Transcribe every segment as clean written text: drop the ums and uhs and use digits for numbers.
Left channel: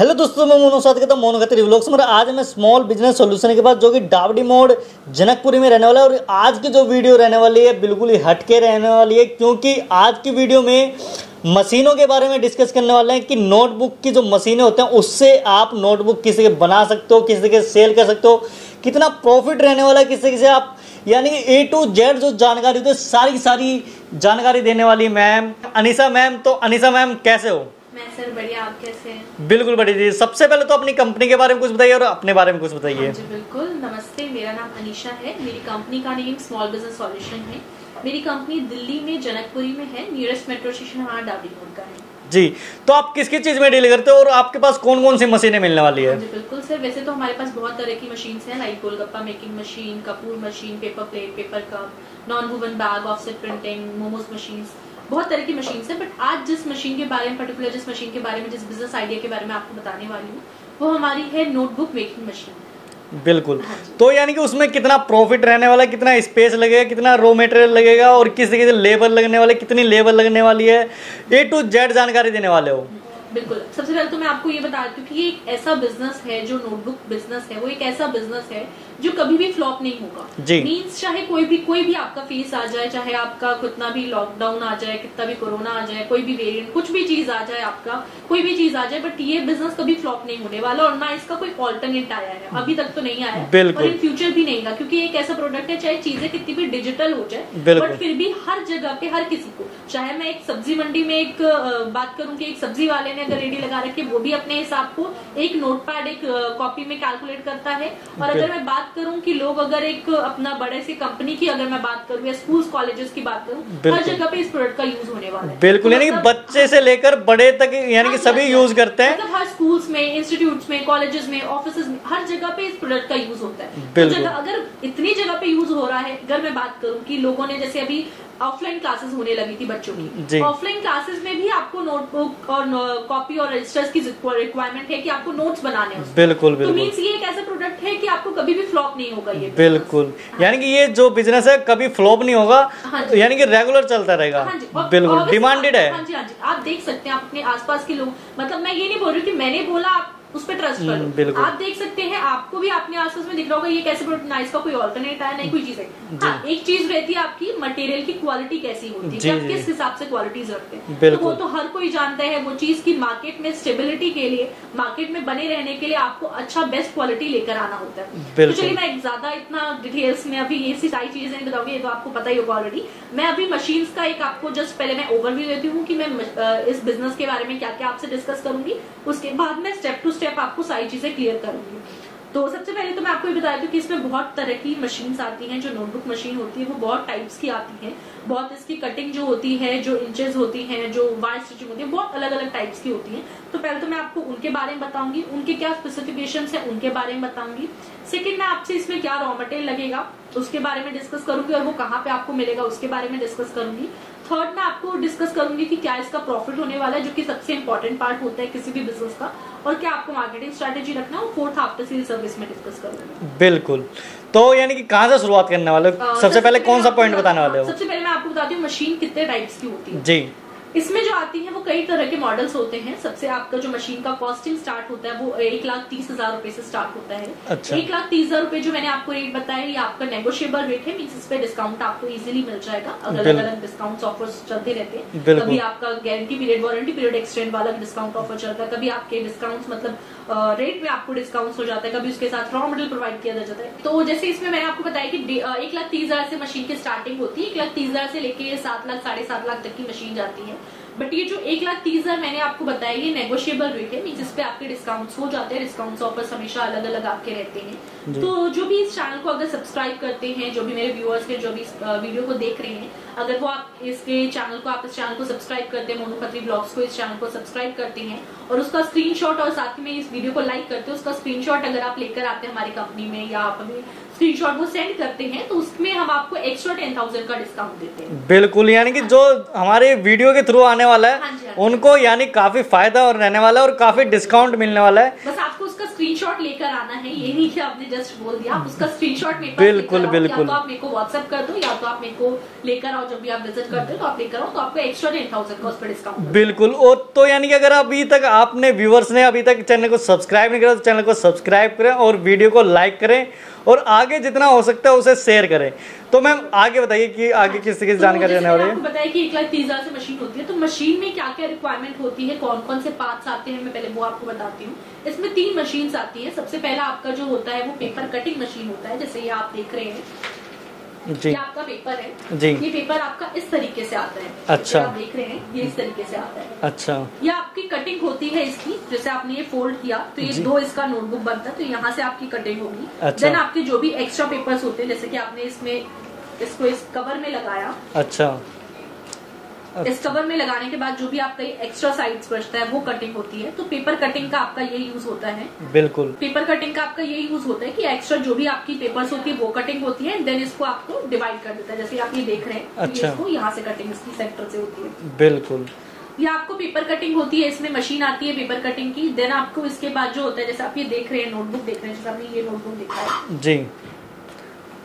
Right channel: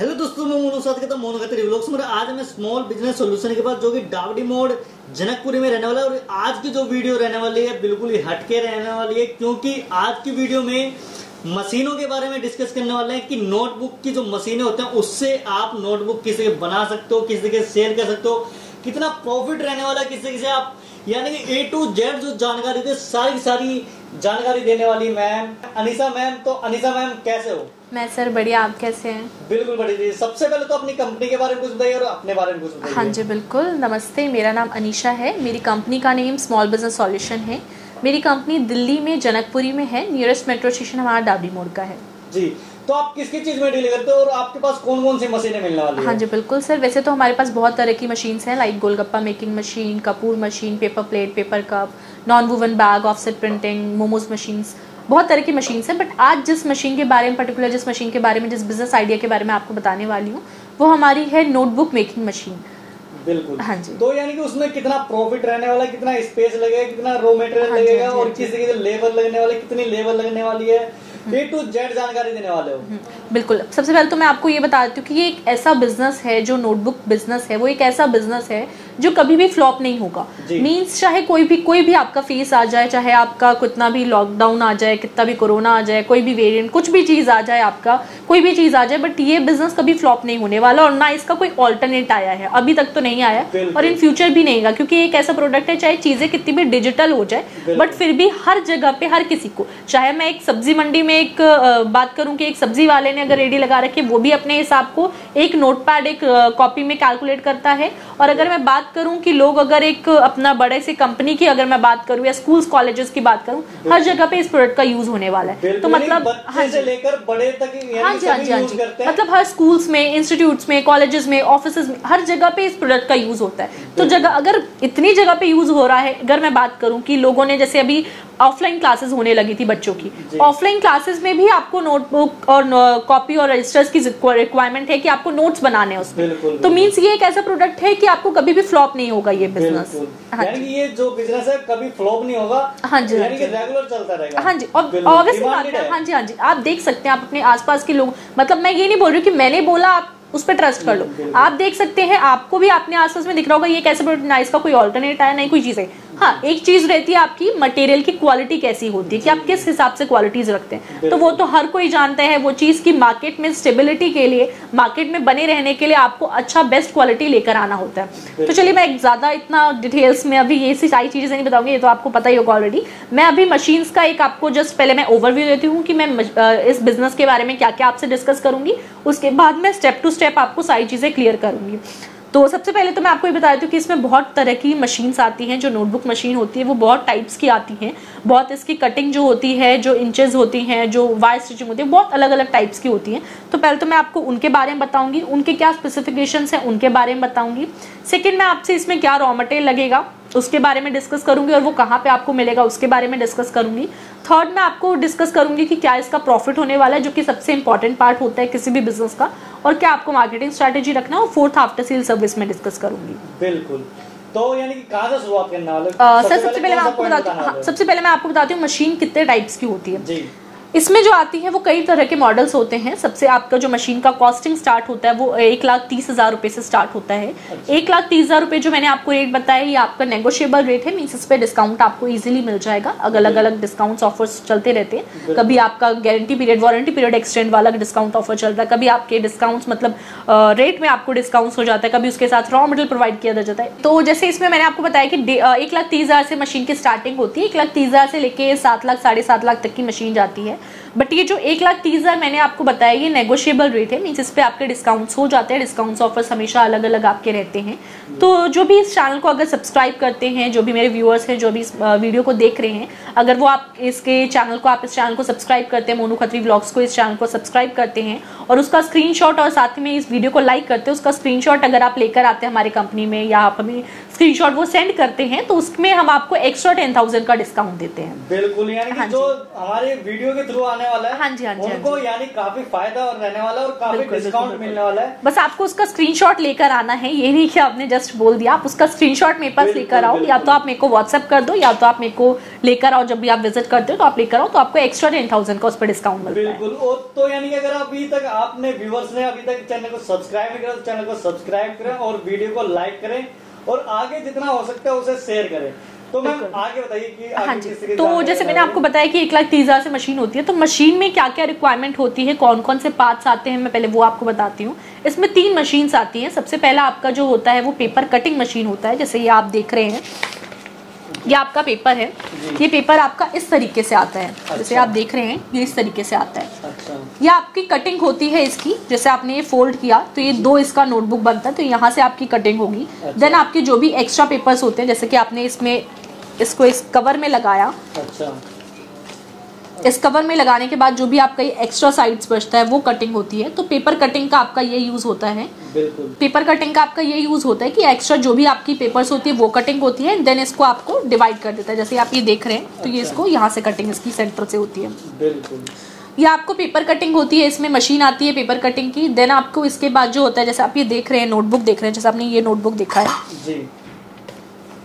Hello दोस्तों, मैं मोनू साथ कहता हूँ मोनू खत्री व्लॉग्स में। आज मैं स्मॉल बिजनेस सॉल्यूशन के पास जो कि डावडी मोड़ जनकपुरी में रहने वाला है। और आज की जो वीडियो रहने वाली है बिल्कुल ही हटके रहने वाली है, क्योंकि आज की वीडियो में मशीनों के बारे में डिस्कस करने वाले हैं कि नोटबुक की जो मशीनें होते हैं उससे आप नोटबुक किसी के बना सकते हो, किसी के सेल कर सकते हो, कितना प्रॉफिट रहने वाला है किसी से आप, यानी A to Z जो जानकारी होती है सारी जानकारी देने वाली मैम अनीसा मैम। तो अनीसा मैम कैसे हो? मैं सर बढ़िया, आप कैसे हैं? बिल्कुल बढ़िया जी। सबसे पहले तो अपनी कंपनी के बारे में कुछ बताइए और अपने बारे में कुछ बताइए। हाँ जी बिल्कुल, नमस्ते, मेरा नाम अनीशा है। मेरी कंपनी का नेम स्मॉल बिजनेस सॉल्यूशन है। मेरी कंपनी दिल्ली में जनकपुरी में है। नियरेस्ट मेट्रो स्टेशन हमारा डावडी मोड़ का है जी। तो आप किस चीज में डील करते हो और आपके पास कौन कौन सी मशीनें मिलने वाली है? हाँ जी बिल्कुल सर, वैसे तो हमारे पास बहुत तरह की मशीन्स हैं, like golgappa making machine, Kapoor machine, paper plate, paper cup, non woven bag, offset printing, momos machines, बहुत तरह की मशीन्स हैं। बट आज जिस मशीन के बारे में पर्टिकुलर, जिस मशीन के बारे में, जिस बिजनेस आइडिया के बारे में आपको बताने वाली हूँ, वो हमारी है नोटबुक मेकिंग मशीन। बिल्कुल। हाँ जी। तो यानी कि उसमें कितना प्रॉफिट रहने वाला है, कितना स्पेस लगेगा, कितना रॉ मटेरियल लगेगा और किस तरीके से लेबर लगने वाले, कितनी लेबर लगने वाली है, A to Z जानकारी देने वाले हो। बिल्कुल। सबसे पहले तो मैं आपको ये बता देती हूँ कि ये एक ऐसा बिजनेस है, जो नोटबुक बिजनेस है, वो एक ऐसा बिजनेस है जो कभी भी फ्लॉप नहीं होगा। मींस चाहे कोई भी आपका फेस आ जाए, चाहे आपका कितना भी लॉकडाउन आ जाए, कितना भी कोरोना आ जाए, कोई भी वेरिएंट, कुछ भी चीज आ जाए, आपका कोई भी चीज आ जाए, बट ये बिजनेस कभी फ्लॉप नहीं होने वाला। और ना इसका कोई ऑल्टरनेट आया है, अभी तक तो नहीं आया और इन फ्यूचर भी नहीं आएगा, क्योंकि एक ऐसा प्रोडक्ट है, चाहे चीजें कितनी भी डिजिटल हो जाए, बट फिर भी हर जगह पे हर किसी को, चाहे मैं एक सब्जी मंडी में एक बात करूं कि एक सब्जी वाले ने अगर रेडी लगा रखी, वो भी अपने हिसाब को एक नोटपैड, एक कॉपी में कैलकुलेट करता है। और अगर मैं बात करूं कि लोग अगर एक अपना बड़े से कंपनी की अगर मैं बात करूं या स्कूल्स कॉलेजेस की बात करूं, हर जगह पे इस प्रोडक्ट का यूज होने वाला है। बिल्कुल, यानी बच्चे से लेकर बड़े तक यानी कि सभी यूज करते हैं। मतलब हर स्कूल्स में, इंस्टीट्यूट्स में, कॉलेजेस में, ऑफिसेज में, हर जगह पे इस प्रोडक्ट का यूज होता है। तो जगह अगर इतनी जगह पे यूज हो रहा है, अगर मैं बात करूं कि लोगों ने जैसे अभी ऑफलाइन क्लासेस होने लगी थी बच्चों की, ऑफलाइन क्लासेस में भी आपको नोटबुक और कॉपी और रजिस्टर्स की रिक्वायरमेंट है कि आपको नोट्स बनाने हैं उसमें। बिल्कुल। तो मींस ये एक ऐसा प्रोडक्ट है कि आपको कभी भी फ्लॉप नहीं होगा ये बिजनेस। बिल्कुल। यानी कि ये जो बिजनेस है कभी फ्लॉप नहीं होगा। हाँ जी। यानी कि रेगुलर चलता रहेगा। हाँ जी, बिल्कुल डिमांडेड है। हाँ जी, हाँ जी। आप देख सकते हैं, आप अपने आसपास के लोग, मतलब मैं ये नहीं बोल रही कि मैंने बोला आप उस पर ट्रस्ट कर लो। आप देख सकते हैं, आपको भी अपने आसपास में दिख रहा होगा ये कैसे प्रोडक्ट, ना इसका कोई ऑल्टरनेट है, नहीं कोई चीज है। हाँ, एक चीज रहती है आपकी मटेरियल की क्वालिटी कैसी होती है, कि आप किस हिसाब से क्वालिटीज रखते हैं, तो वो तो हर कोई जानता है। वो चीज की मार्केट में स्टेबिलिटी के लिए, मार्केट में बने रहने के लिए आपको अच्छा बेस्ट क्वालिटी लेकर आना होता है। तो चलिए, मैं ज्यादा इतना डिटेल्स में अभी ये सारी चीजें नहीं बताऊंगी, ये तो आपको पता ही होगा ऑलरेडी। मैं अभी मशीन्स का एक आपको जस्ट पहले मैं ओवरव्यू देती हूँ कि मैं इस बिजनेस के बारे में क्या क्या आपसे डिस्कस करूंगी, उसके बाद मैं स्टेप टू स्टेप आपको सारी चीजें क्लियर करूंगी। तो सबसे पहले तो मैं आपको ये बता देती हूँ कि इसमें बहुत तरह की मशीन्स आती हैं। जो नोटबुक मशीन होती है वो बहुत टाइप्स की आती हैं, बहुत इसकी कटिंग जो होती है, जो इंचेस होती हैं, जो वायर स्टिचिंग होती है, बहुत अलग अलग टाइप्स की होती हैं। तो पहले तो मैं आपको उनके बारे में बताऊंगी, उनके क्या स्पेसिफिकेशंस हैं उनके बारे में बताऊंगी। सेकेंड, मैं आपसे इसमें क्या रॉ मटेरियल लगेगा उसके बारे में डिस्कस करूंगी और वो कहाँ पे आपको मिलेगा उसके बारे में डिस्कस करूंगी। थर्ड, मैं आपको डिस्कस करूंगी कि क्या इसका प्रॉफिट होने वाला है, जो कि सबसे इंपॉर्टेंट पार्ट होता है किसी भी बिजनेस का, और क्या आपको मार्केटिंग स्ट्रेटेजी रखना है। और फोर्थ, आफ्टर सेल सर्विस में डिस्कस करूंगी। बिल्कुल। तो यानी कि कहाँ से शुरुआत करने वाले? सबसे पहले कौन सा पॉइंट बताने वाले हो? सबसे पहले मैं आपको बताती हूँ मशीन कितने टाइप्स की होती है जी। इसमें जो आती है वो कई तरह के मॉडल्स होते हैं। सबसे आपका जो मशीन का कॉस्टिंग स्टार्ट होता है वो 1,30,000 रुपए से स्टार्ट होता है। अच्छा। 1,30,000 रुपए जो मैंने आपको रेट बताया, ये आपका नेगोशिएबल रेट है, मींस इस पे डिस्काउंट आपको इजीली मिल जाएगा। अलग अलग डिस्काउंट्स ऑफर्स चलते रहते हैं। कभी आपका guarantee period, warranty period extend वाला डिस्काउंट ऑफर चल रहा है, कभी आपके डिस्काउंट्स मतलब रेट में आपको डिस्काउंट हो जाता है, कभी उसके साथ रॉ मटेरियल प्रोवाइड किया जाता है। तो जैसे इसमें मैंने आपको बताया कि 1,30,000 से मशीन की स्टार्टिंग होती है। 1,30,000 से लेके 7 लाख 7.5 लाख तक की मशीन जाती है। बट ये जो 1,30,000 मैंने आपको बताया, ये नेगोशिएबल रेट है, मींस इस पे आपके डिस्काउंट्स हो जाते हैं। डिस्काउंट्स ऑफर्स हमेशा अलग अलग आपके रहते हैं। तो जो भी इस चैनल को अगर सब्सक्राइब करते हैं, जो भी मेरे व्यूअर्स हैं, जो भी इस वीडियो को देख रहे हैं, अगर वो आप इस चैनल को सब्सक्राइब करते हैं, मोनू खत्री व्लॉग्स को, इस चैनल को सब्सक्राइब करते हैं और उसका स्क्रीनशॉट और साथ में इस वीडियो को लाइक करते हैं, उसका स्क्रीनशॉट अगर आप लेकर आते हैं हमारी कंपनी में, या आप हमें स्क्रीनशॉट वो सेंड करते हैं, तो उसमें हम आपको एक्स्ट्रा 10,000 का डिस्काउंट देते हैं। बिल्कुल। यानी कि जो हमारे वीडियो के थ्रू आने वाला है, हाँ जी, हाँ जी, उनको यानी काफी फायदा और रहने वाला है और काफी डिस्काउंट मिलने वाला है। बस आपको उसका स्क्रीनशॉट लेकर आना है, ये नहीं कि आपने जस्ट बोल दिया, आप उसका स्क्रीनशॉट मेरे पास लेकर आओ, या तो आप मेरे को व्हाट्सएप कर दो, या तो आप मेरे को लेकर आओ, जब भी आप विजिट करते हो तो आप लेकर आओ, तो आपको एक्स्ट्रा 10,000 का उस पर डिस्काउंट मिलता है। बिल्कुल। और तो यानी कि अगर अभी तक आपने व्यूवर्स ने अभी तक चैनल को सब्सक्राइब नहीं करा तो चैनल को सब्सक्राइब करें और वीडियो को लाइक करें और आगे जितना हो सकता है उसे शेयर करें। तो मैम आगे बताइए कि आगे किस तरीके से जानकारी जैसे मैंने आपको बताया कि 1,30,000 से मशीन होती है, तो मशीन में क्या क्या रिक्वायरमेंट होती है, कौन कौन से पार्ट्स आते हैं, मैं पहले वो आपको बताती हूँ। इसमें 3 मशीन्स आती हैं। सबसे पहला आपका जो होता है वो पेपर कटिंग मशीन होता है, जैसे ये आप देख रहे हैं, ये आपका पेपर है, ये पेपर आपका इस तरीके से आता है। अच्छा। जैसे आप देख रहे हैं ये इस तरीके से आता है। अच्छा। ये आपकी कटिंग होती है इसकी, जैसे आपने ये फोल्ड किया तो ये 2 इसका नोटबुक बनता है, तो यहाँ से आपकी कटिंग होगी। अच्छा। देन आपके जो भी एक्स्ट्रा पेपर्स होते हैं, जैसे कि आपने इसमें इसको इस कवर में लगाया। अच्छा। इस कवर में लगाने के बाद जो भी आपका ये एक्स्ट्रा साइड्स बचता है वो कटिंग होती है। तो पेपर कटिंग का आपका ये यूज होता है। बिल्कुल। पेपर कटिंग का आपका ये यूज होता है कि एक्स्ट्रा जो भी आपकी पेपर्स होती है वो कटिंग होती है, देन इसको आपको डिवाइड कर देता है। जैसे आप ये देख रहे हैं, तो ये इसको यहाँ से कटिंग इसकी सेंटर से होती है। बिल्कुल। ये आपको पेपर कटिंग होती है, इसमें मशीन आती है पेपर कटिंग की। देन आपको इसके बाद जो होता है, जैसे आप ये देख रहे हैं नोटबुक देख रहे हैं, जैसे आपने ये नोटबुक देखा है जी,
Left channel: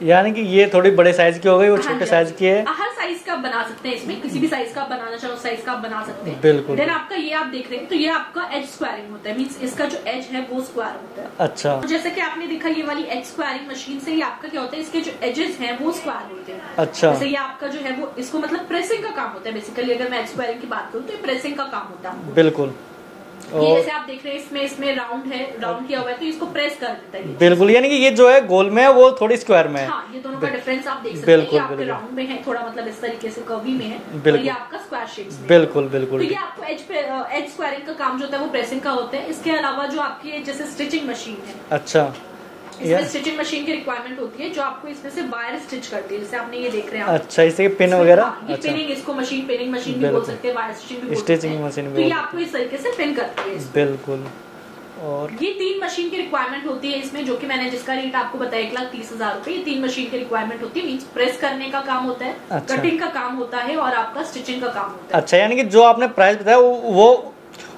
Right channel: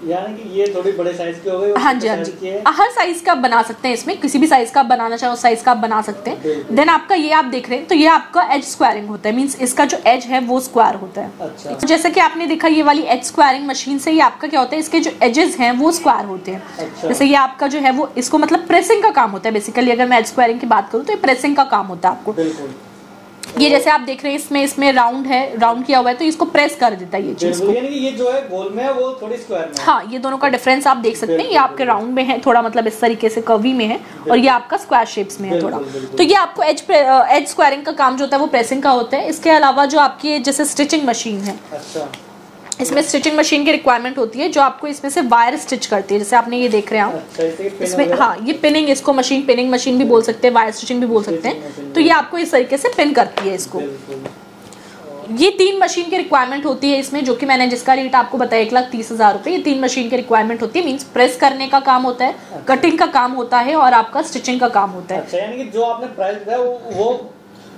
यानी कि ये थोड़ी बड़े साइज की हो गई, हाँ छोटे साइज की है। हर साइज का बना सकते हैं, इसमें किसी भी साइज का बनाना चाहो उस साइज का आप बना सकते हैं। देन आपका ये आप देख रहे हैं, तो ये आपका एज स्क्वायरिंग होता है, मींस इसका जो एज है वो स्क्वायर होता है। अच्छा। तो जैसे कि आपने देखा ये वाली एज स्क्वायरिंग मशीन से ये आपका क्या होता है, इसके जो एजेस हैं वो स्क्वायर होते हैं। अच्छा। जैसे ये आपका जो है वो इसको मतलब प्रेसिंग का काम होता है बेसिकली। अगर मैं एज स्क्वायरिंग की बात करूँ तो ये प्रेसिंग का काम होता है आपको। बिल्कुल। ये जैसे आप देख रहे हैं इसमें राउंड है, राउंड किया हुआ है, तो इसको प्रेस कर देता है ये। बिल्कुल। यानी कि ये जो है गोल में है वो थोड़ी स्क्वायर में है। हाँ, ये दोनों का डिफरेंस आप देख सकते हैं। ये आपके राउंड में है थोड़ा, मतलब इस तरीके से कर्वी में है, और ये आपका स्क्वायर शेप्स में है। बिल्कुल। तो ये आपको एज स्क्वायरिंग का काम जो होता है वो प्रेसिंग का होता है। इसके अलावा जो आपकी जैसे स्टिचिंग मशीन है, अच्छा, इसमें स्टिचिंग मशीन की रिक्वायरमेंट होती है, जो आपको इसमें से वायर स्टिच करती है। जैसे आपने ये देख रहे हैं आप, अच्छा, इसमें पिन वगैरह। हाँ, ये पिनिंग, इसको पिनिंग मशीन भी बोल सकते हैं, वायर स्टिचिंग भी बोल सकते हैं। तो ये आपको इस तरीके से पिन करती है इसको। बिल्कुल। और ये 3 मशीन की रिक्वायरमेंट होती है इसमें, जो कि मैंने जिसका रेट आपको बताया 1,30,000 रुपए। ये 3 मशीन की रिक्वायरमेंट होती है, मींस प्रेस करने का काम होता है, अच्छा, कटिंग का काम होता है और आपका स्टिचिंग का काम होता है। अच्छा, यानी कि जो आपने प्राइस बताया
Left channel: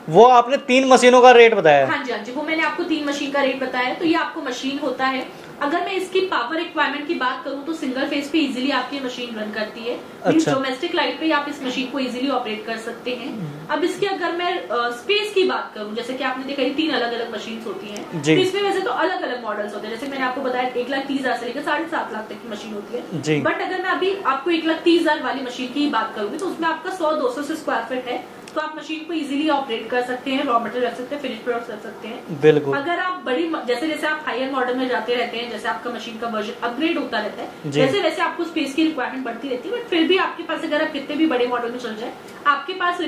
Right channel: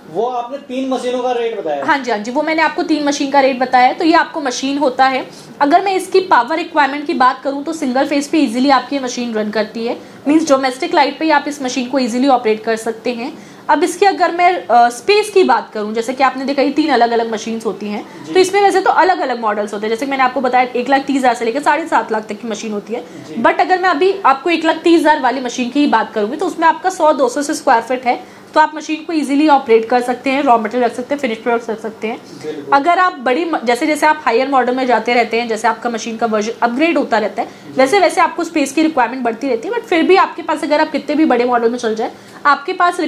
वो आपने 3 मशीनों का रेट बताया। हाँ जी, हाँ जी, वो मैंने आपको 3 मशीन का रेट बताया। तो ये आपको मशीन होता है। अगर मैं इसकी पावर रिक्वायरमेंट की बात करूं तो सिंगल फेज पे इजीली आपकी मशीन रन करती है। मींस डोमेस्टिक लाइट पे आप इस मशीन को इजीली ऑपरेट कर सकते हैं। अब इसके अगर मैं स्पेस की बात करूं, जैसे कि आपने देखा ये 3 अलग अलग मशीन्स होती हैं, तो इसमें वैसे तो अलग अलग मॉडल्स होते हैं। जैसे मैंने आपको बताया 1,30,000 से लेकर 7.5 लाख तक की मशीन होती है। बट अगर मैं अभी आपको 1,30,000 वाली मशीन की ही बात करूंगी तो उसमें आपका 100-200 से स्क्वायर फीट है, तो आप मशीन को इजीली ऑपरेट कर सकते हैं, रॉ मटेरियल रख सकते हैं, फिनिश प्रोडक्ट्स रख सकते हैं। बिल्कुल। अगर आप बड़ी जैसे आप हायर मॉडल में जाते रहते हैं, जैसे आपका मशीन का वर्जन अपग्रेड होता रहता है, वैसे वैसे आपको स्पेस की रिक्वायरमेंट बढ़ती रहती है। बट फिर भी आपके पास अगर आप कितने भी बड़े मॉडल में चल जाए, आपके पास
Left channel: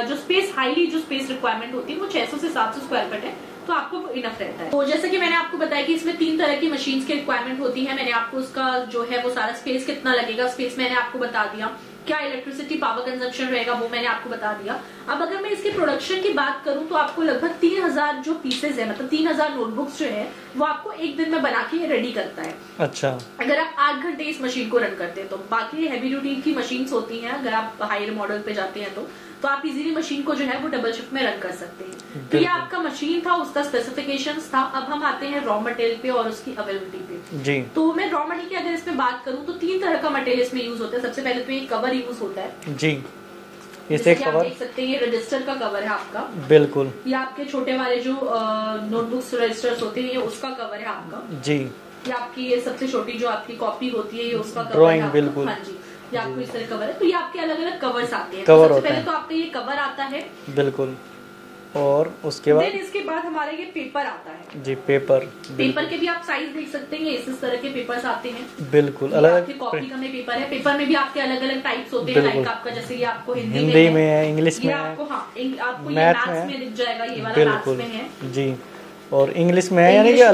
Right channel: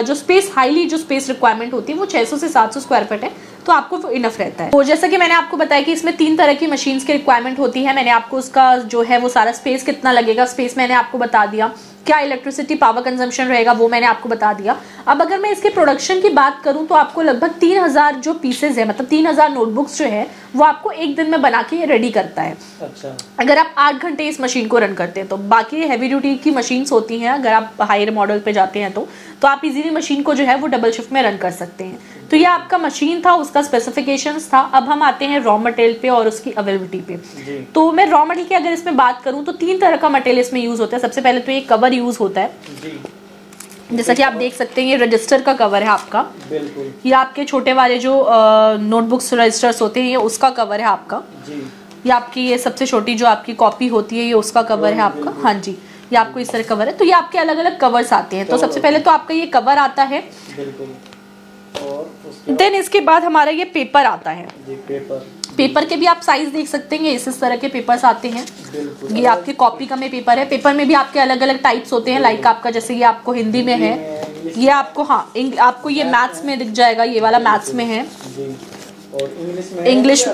जो स्पेस रिक्वायरमेंट होती है वो 600 से 700 स्क्वायर फीट है, तो आपको वो इनफ रहता है। तो जैसा कि मैंने आपको बताया कि इसमें 3 तरह की मशीन्स की रिक्वायरमेंट होती है। मैंने आपको उसका जो है वो सारा स्पेस कितना लगेगा, स्पेस मैंने आपको बता दिया, क्या इलेक्ट्रिसिटी पावर कंजम्पशन रहेगा वो मैंने आपको बता दिया। अब अगर मैं इसके प्रोडक्शन की बात करूं तो आपको लगभग 3,000 जो पीसेज है, मतलब 3,000 नोटबुक्स जो है वो आपको एक दिन में बना के रेडी करता है। अच्छा। अगर आप 8 घंटे इस मशीन को रन करते हैं तो बाकी हैवी ड्यूटी की मशीन्स होती हैं, अगर आप हायर मॉडल पे जाते हैं तो आप इजीली मशीन को जो है वो डबल शिफ्ट में रन कर सकते हैं। तो ये आपका मशीन था, उसका स्पेसिफिकेशंस था। अब हम आते हैं रॉ मटेरियल पे और उसकी अवेलेबिलिटी पे जी। तो मैं रॉ मटेरियल की अगर इसमें बात करूं तो 3 तरह का मटेरियल इसमें यूज होता है। सबसे पहले तो ये कवर यूज होता है जी, जैसा कि आप देख सकते हैं ये रजिस्टर का कवर है आपका। बिल्कुल। ये आपके छोटे वाले जो नोटबुक्स रजिस्टर्स होते हैं ये उसका कवर है आपका जी। ये आपकी ये सबसे छोटी जो आपकी कॉपी होती है ये उसका कवर है आपका। हाँ जी, ये आपको इस तरह कवर है। तो ये आपके अलग अलग कवर्स आते हैं। तो सबसे पहले तो आपका ये कवर आता है। बिल्कुल। और उसके बाद इसके बाद हमारा ये पेपर आता है जी। पेपर के भी आप साइज देख सकते हैं, इस तरह के पेपर्स आते हैं। बिल्कुल। ये आपकी कॉपी का में पेपर है। पेपर में भी आपके अलग अलग टाइप्स होते हैं, लाइक आपका जैसे ये आपको हिंदी में है, इंग्लिश ये आपको, हाँ, आपको ये मैथ्स में दिख जाएगा, ये वाला मैथ्स में है जी। और इंग्लिश में,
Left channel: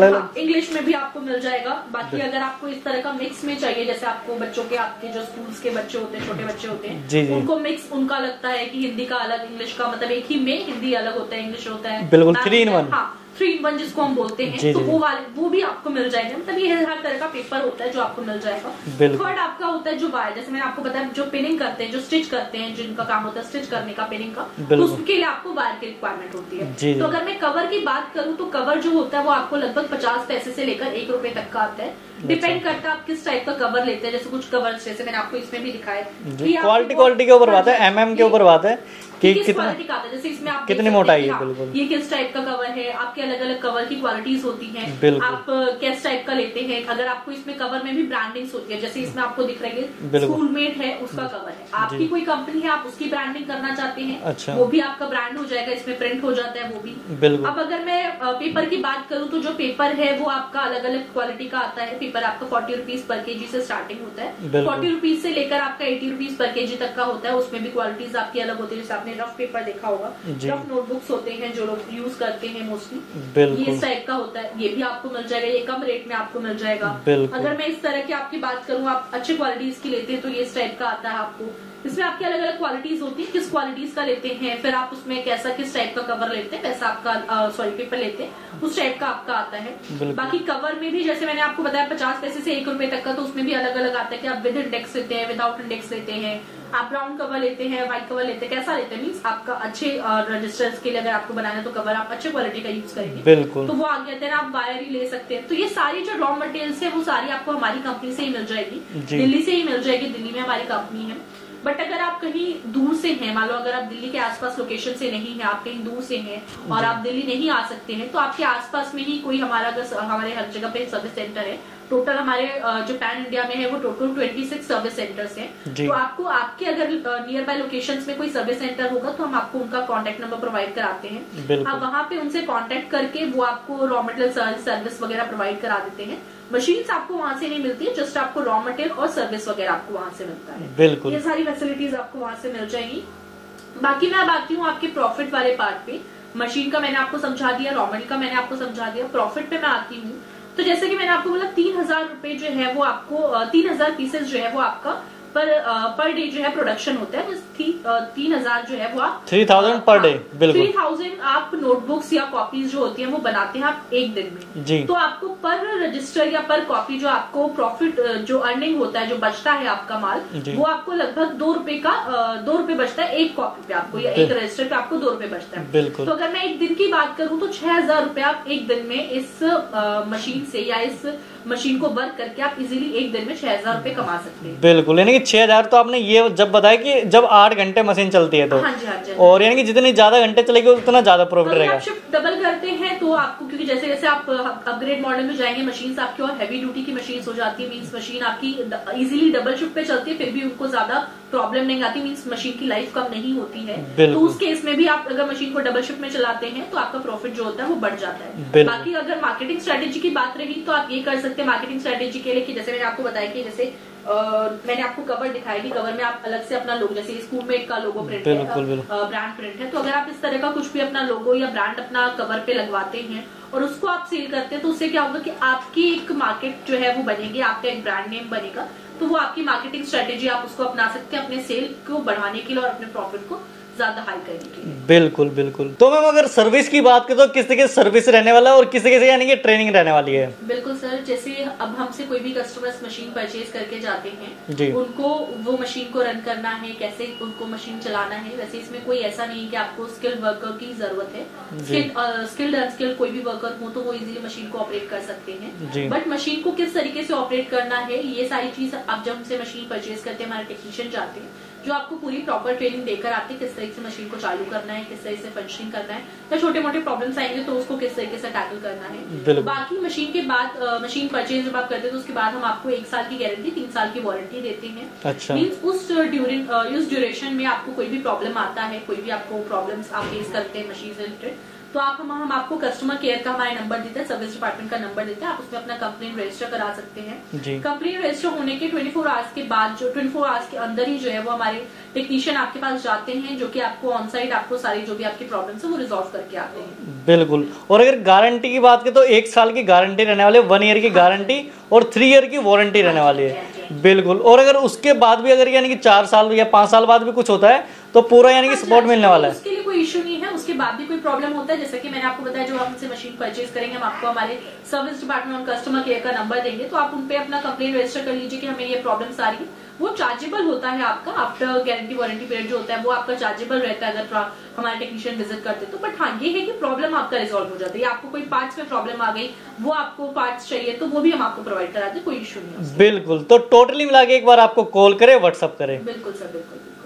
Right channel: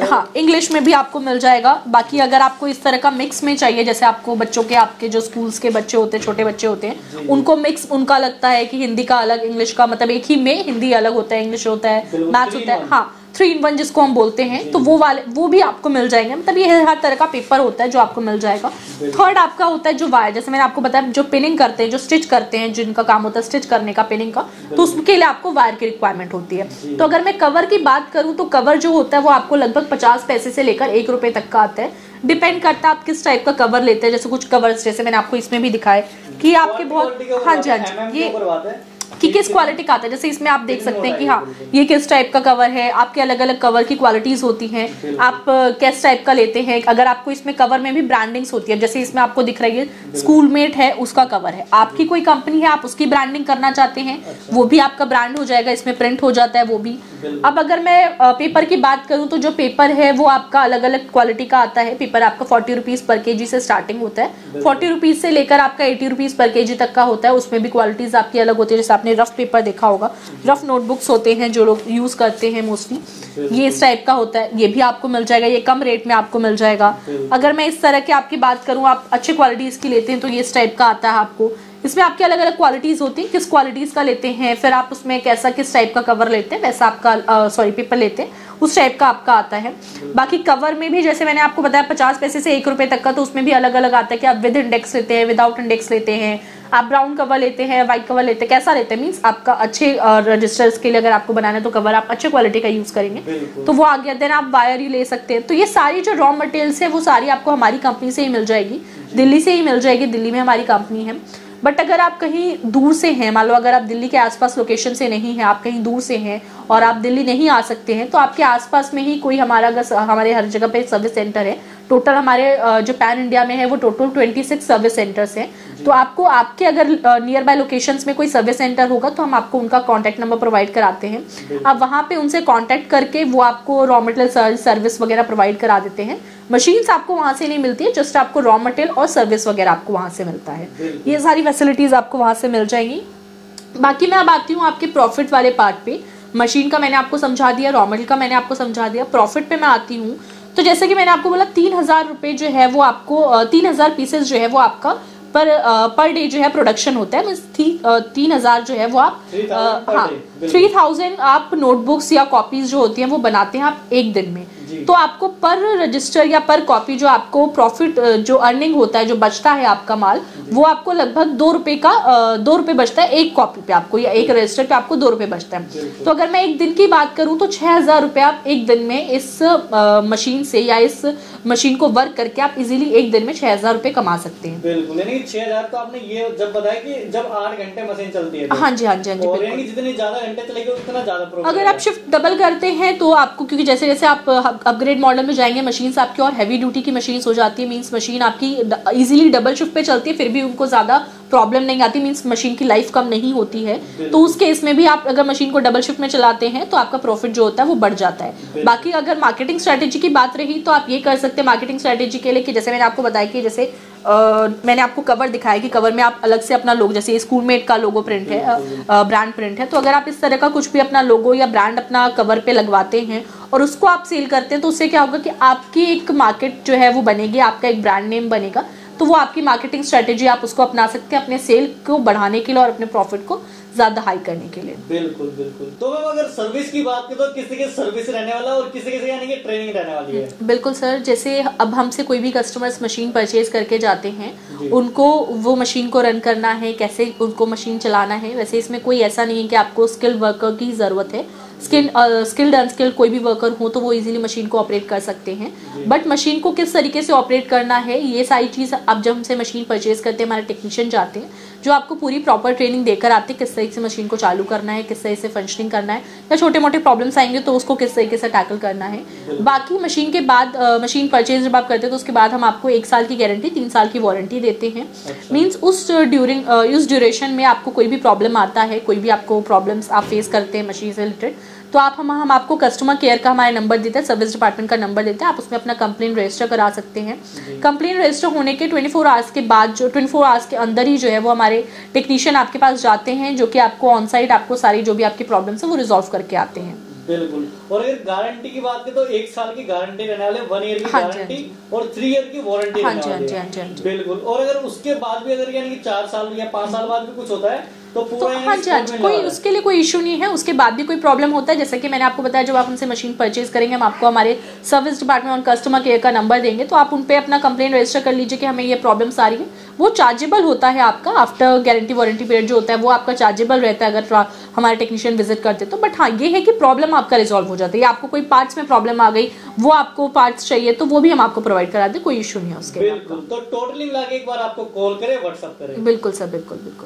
हाँ, इंग्लिश में भी आपको मिल जाएगा। बाकी अगर आपको इस तरह का मिक्स में चाहिए, जैसे आपको बच्चों के, आपके जो स्कूल्स के बच्चे होते हैं, छोटे बच्चे होते हैं जी, उनको मिक्स उनका लगता है कि हिंदी का अलग, इंग्लिश का, मतलब एक ही में हिंदी अलग होता है, इंग्लिश होता है, मैथ्स होता है, हाँ, 3 in 1 जिसको हम बोलते हैं, तो वो भी आपको मिल जाएंगे। मतलब ये हर तरह का पेपर होता है जो आपको मिल जाएगा। थर्ड आपका होता है जो वायर, जैसे मैंने आपको बताया जो पिनिंग करते हैं, जो स्टिच करते हैं, जिनका काम होता है स्टिच करने का, पिनिंग का, तो उसके लिए आपको वायर की रिक्वायरमेंट होती है। तो अगर मैं कवर की बात करूं तो कवर जो होता है वो आपको लगभग 50 पैसे से लेकर 1 रुपए तक का आता है। डिपेंड करता है आप किस टाइप का कवर लेते हैं। जैसे कुछ कवर्स जैसे मैंने आपको इसमें भी दिखाए कि क्वालिटी के ऊपर बात है, एमएम के ऊपर बात है कि किस क्वालिटी का आता है। जैसे इसमें आप देख सकते हैं कि हाँ ये किस टाइप का कवर है। आपके अलग अलग कवर की क्वालिटीज होती हैं, आप किस टाइप का लेते हैं। अगर आपको इसमें कवर में भी ब्रांडिंग्स होती है, जैसे इसमें आपको दिख रही है स्कूलमेट है, उसका कवर है। आपकी कोई कंपनी है, आप उसकी ब्रांडिंग करना चाहते हैं, वो भी आपका ब्रांड हो जाएगा, इसमें प्रिंट हो जाता है वो भी। अब अगर मैं पेपर की बात करूं तो जो पेपर है वो आपका अलग अलग क्वालिटी का आता है। पेपर आपका 40 रुपीज पर केजी से स्टार्टिंग होता है। 40 रुपीज से लेकर आपका 80 रुपीज पर केजी तक का होता है। उसमें भी क्वालिटीज आपकी अलग होती है। जैसे आपने रफ पेपर देखा होगा, रफ नोटबुक्स होते हैं जो लोग यूज करते हैं मोस्टली, ये इस टाइप का होता है। ये भी आपको मिल जाएगा, ये कम रेट में आपको मिल जाएगा। अगर मैं इस तरह की आपकी बात करूं, आप अच्छे क्वालिटीज की लेते हैं तो ये इस टाइप का आता है आपको। इसमें आपकी अलग अलग क्वालिटीज होती हैं, किस क्वालिटीज का लेते हैं, फिर आप उसमें कैसा किस टाइप का कवर लेते हैं वैसा आपका पेपर लेते हैं उस टाइप का आपका आता है। बाकी कवर में भी जैसे मैंने आपको बताया 50 पैसे से 1 रुपए तक का, तो उसमें भी अलग अलग आता है कि आप विद इंडेक्स लेते हैं, विदाउट इंडेक्स लेते हैं, आप ब्राउन कवर लेते हैं, व्हाइट कवर लेते हैं, कैसा लेते हैं। मींस आपका अच्छे रजिस्टर्स के लिए अगर आपको बनाना है तो कवर आप अच्छे क्वालिटी का यूज करेंगे तो वो आ गया। देन आप वायर ही ले सकते हैं। तो ये सारी जो रॉ मटेरियल्स है वो सारी आपको हमारी कंपनी से ही मिल जाएगी, दिल्ली से ही मिल जाएगी। दिल्ली में हमारी कंपनी है। बट अगर आप कहीं दूर से हैं, मान लो अगर आप दिल्ली के आसपास लोकेशन से नहीं है, आप कहीं दूर से हैं और आप दिल्ली नहीं आ सकते हैं, तो आपके आसपास में ही कोई हमारे हर जगह पे सर्विस सेंटर है। टोटल हमारे जो पैन इंडिया में है वो टोटल 26 सर्विस सेंटर्स हैं। तो आपको आपके अगर नियर बाय लोकेशंस में कोई सर्विस सेंटर होगा तो हम आपको उनका कांटेक्ट नंबर प्रोवाइड कराते हैं। आप वहां पे उनसे कांटेक्ट करके वो आपको रॉ मटेरियल सर्विस वगैरह प्रोवाइड करा देते हैं। मशीन्स आपको वहां से नहीं मिलती है, जस्ट आपको रॉ मटेरियल और सर्विस वगैरह आपको वहां से मिलता है। ये सारी फैसिलिटीज आपको वहां से मिल जाएंगी। बाकी मैं अब आती हूँ आपके प्रॉफिट वाले पार्ट पे। मशीन का मैंने आपको समझा दिया, रॉ मटेरियल का मैंने आपको समझा दिया, प्रॉफिट पे मैं आती हूँ। तो जैसे कि मैंने आपको बोला 3000 रुपए जो है वो आपको 3000 पीसेस जो है वो आपका पर डे जो है प्रोडक्शन होता है। 3000 जो है वो आप 3000 पर डे, 3000 आप नोटबुक्स या कॉपीज जो होती हैं वो बनाते हैं आप एक दिन में। तो आपको पर रजिस्टर या पर कॉपी जो आपको प्रॉफिट जो अर्निंग होता है, जो बचता है आपका माल, वो आपको लगभग 2 रुपए बचता है एक कॉपी पे आपको, या एक रजिस्टर पे आपको 2 रुपए बचता है। तो अगर मैं एक दिन की बात करूं तो 6000 रुपए आप एक दिन में इस मशीन से या इस मशीन को वर्क करके आप इजीली एक दिन में 6000 रुपए कमा सकते हैं। बिल्कुल, यानी कि 6000 तो आपने ये जब बताया कि जब 8 घंटे मशीन चलती है तो। हाँ जी। और यानी कि जितनी ज्यादा घंटे चलेगी उतना ज्यादा प्रॉफिट रहेगा। अगर आप शिफ्ट डबल करते हैं तो आपको, क्योंकि जैसे जैसे आप अपग्रेड मॉडल में जाएंगे मशीन्स आपकी और हैवी ड्यूटी की मशीन्स हो जाती है। मींस मशीन आपकी इजीली डबल शिफ्ट पे चलती है, फिर भी उनको ज्यादा प्रॉब्लम नहीं आती। मींस मशीन की लाइफ कम नहीं होती है। तो उस केस में भी आप अगर मशीन को डबल शिफ्ट में चलाते हैं तो आपका प्रॉफिट जो होता है वो बढ़ जाता है। बाकी अगर मार्केटिंग स्ट्रेटेजी की बात रही तो आप ये कर सकते हैं मार्केटिंग स्ट्रेटेजी के लिए कि जैसे मैंने आपको बताया कि जैसे मैंने आपको कवर दिखाया कि कवर में आप अलग से अपना लोगो, जैसे स्कूलमेट का लोगो प्रिंट है, ब्रांड प्रिंट है, तो अगर आप इस तरह का कुछ भी अपना लोगो या ब्रांड अपना कवर पे लगवाते हैं और उसको आप सेल करते हैं तो उससे क्या होगा कि आपकी एक मार्केट जो है वो बनेगी, आपका एक ब्रांड नेम बनेगा। तो वो आपकी मार्केटिंग स्ट्रेटेजी आप उसको अपना सकते हैं अपने सेल को बढ़ाने के लिए और अपने प्रॉफिट को ज्यादा हाई करने के लिए। बिल्कुल बिल्कुल। तो मैम अगर सर्विस की बात करें तो किस तरीके से सर्विस रहने वाला है और किस तरीके से यानी कि ट्रेनिंग रहने वाली है? बिल्कुल सर, जैसे अब हमसे कोई भी कस्टमर्स मशीन परचेज करके जाते हैं, उनको वो मशीन को रन करना है, कैसे उनको मशीन चलाना है। वैसे इसमें कोई ऐसा नहीं है कि आपको स्किल्ड वर्कर की जरूरत है। स्किल्ड अनस्किल्ड कोई भी वर्कर हो तो वो इजीली मशीन को ऑपरेट कर सकते हैं। बट मशीन को किस तरीके से ऑपरेट करना है ये सारी चीज अब जब हमसे मशीन परचेज करते हैं हमारे टेक्नीशियन जाते हैं जो आपको पूरी प्रॉपर ट्रेनिंग देकर आते हैं किस तरीके से मशीन को चालू करना है, किस तरीके से फंक्शनिंग करना है, या छोटे मोटे प्रॉब्लम्स आएंगे तो उसको किस तरीके से टैकल करना है। बाकी मशीन के बाद मशीन परचेज जब आप करते हैं तो उसके बाद हम आपको 1 साल की गारंटी 3 साल की वारंटी देते हैं। मींस उस ड्यूरेशन में आपको कोई भी प्रॉब्लम आता है, कोई भी आपको प्रॉब्लम्स आप फेस करते हैं मशीन से रिलेटेड, तो आप हम आपको कस्टमर केयर का हमारे नंबर देते हैं, सर्विस डिपार्टमेंट का नंबर देते हैं, आप उसमें अपना कंप्लेन रजिस्टर करा सकते हैं। कंप्लेन रजिस्टर होने के 24 आवर्स के बाद, जो 24 आवर्स के अंदर ही जो है वो हमारे टेक्नीशियन आपके पास जाते हैं जो कि आपको ऑन साइट आपको सारी जो भी आपकी प्रॉब्लम्स है वो रिजॉल्व करके आते हैं। बिल्कुल। और अगर गारंटी की बात करें तो 1 साल की गारंटी रहने वाली है, 1 ईयर की गारंटी और 3 ईयर की वारंटी रहने वाली है। बिल्कुल। और अगर उसके बाद भी अगर यानी कि 4 साल या 5 साल बाद भी कुछ होता है तो पूरा यानी कि सपोर्ट मिलने वाला है, उसके लिए कोई इशू नहीं है। उसके बाद भी कोई प्रॉब्लम होता है, जैसे कि मैंने आपको बताया, जब आप हमसे मशीन परचेज करेंगे हम आपको हमारे सर्विस डिपार्टमेंट और कस्टमर केयर का नंबर देंगे, तो आप उन पे अपना कंप्लेंट रजिस्टर कर लीजिए कि हमें ये प्रॉब्लम्स आ रही है। वो चार्जेबल होता है आपका, आफ्टर गारंटी वारंटी पीरियड जो होता है वो आपका चार्जेबल रहता है अगर हमारे टेक्नीशियन विजिट करते तो। बट हाँ, ये है कि प्रॉब्लम आपका रिजॉल्व हो जाता है, या आपको कोई पार्ट्स में प्रॉब्लम आ गई, वो आपको पार्ट्स चाहिए तो वो भी हम आपको प्रोवाइड करा दें, कोई इशू नहीं है उसके। बिल्कुल, तो टोटली मिला के एक बार आपको कॉल करें, व्हाट्सअप करें। बिल्कुल सर, बिल्कुल बिल्कुल।